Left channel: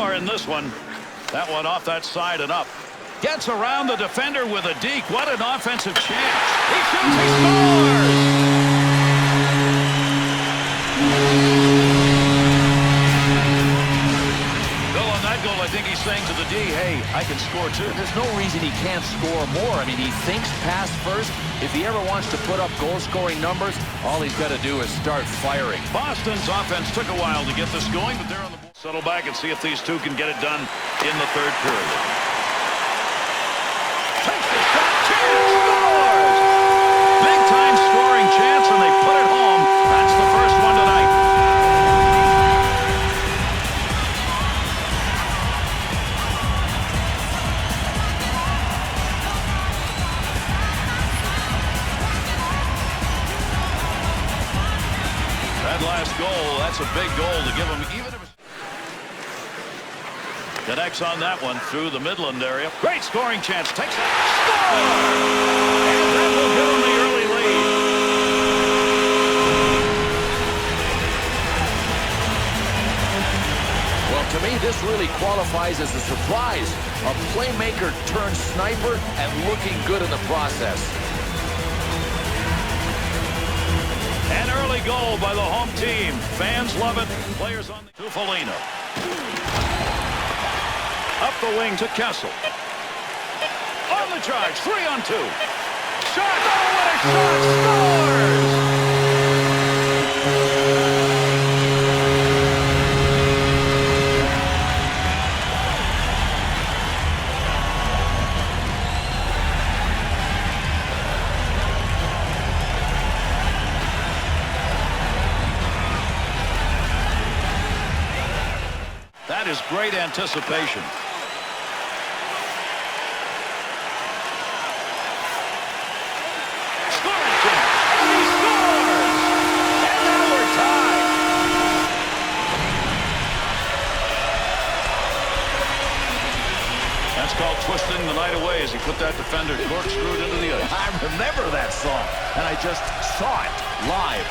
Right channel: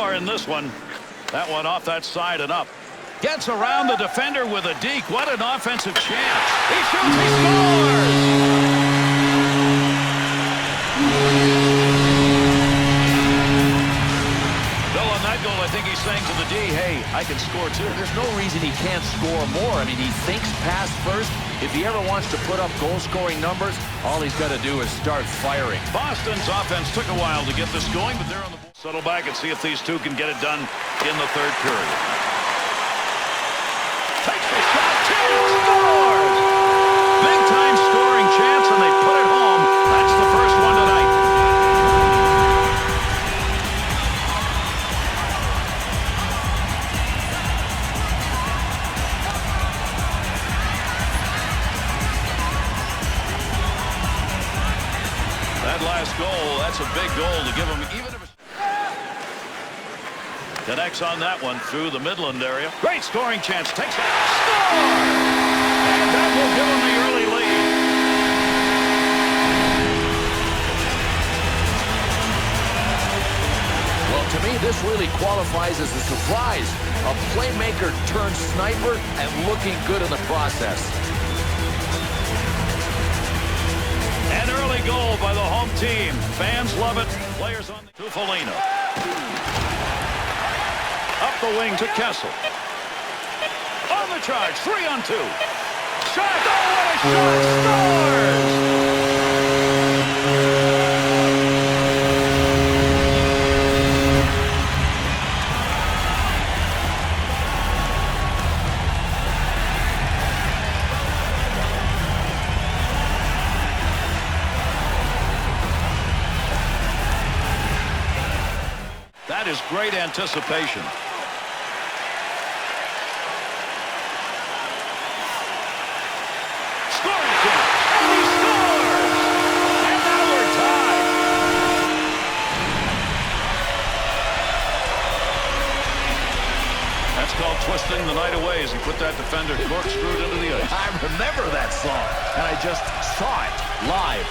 score in this one. That one off that side and up. Gets around the defender with a deke. What an offensive chance. He shoots, he scores! Bill, on that goal, I think he's saying to the D, hey, I can score too. There's no reason he can't score more. I mean, he thinks pass first. If he ever wants to put up goal-scoring numbers, all he's got to do is start firing. Boston's offense took a while to get this going, but they're on the board. Settle back and see if these two can get it done in the third period. Takes the shot, chance, scores! Big-time scoring chance, and they put it home. That's the first one tonight. That last goal, that's a big goal to give him, even if it's... Connects on that one through the Midland area. Great scoring chance. Takes that. Score! And that will give him the early lead. Well, to me, this really qualifies as a surprise. A playmaker turned sniper and looking good in the process. An early goal by the home team. Fans love it. Players on the... To Foligno. Up the wing to Kessel. On the charge. 3-on-2. Shot. Oh, what a shot. Scores! That is great anticipation. Scoring chance, and he scores! And now we're tied. That's called twisting the night away as he put that defender corkscrewed into the ice. I remember that song, and I just saw it live.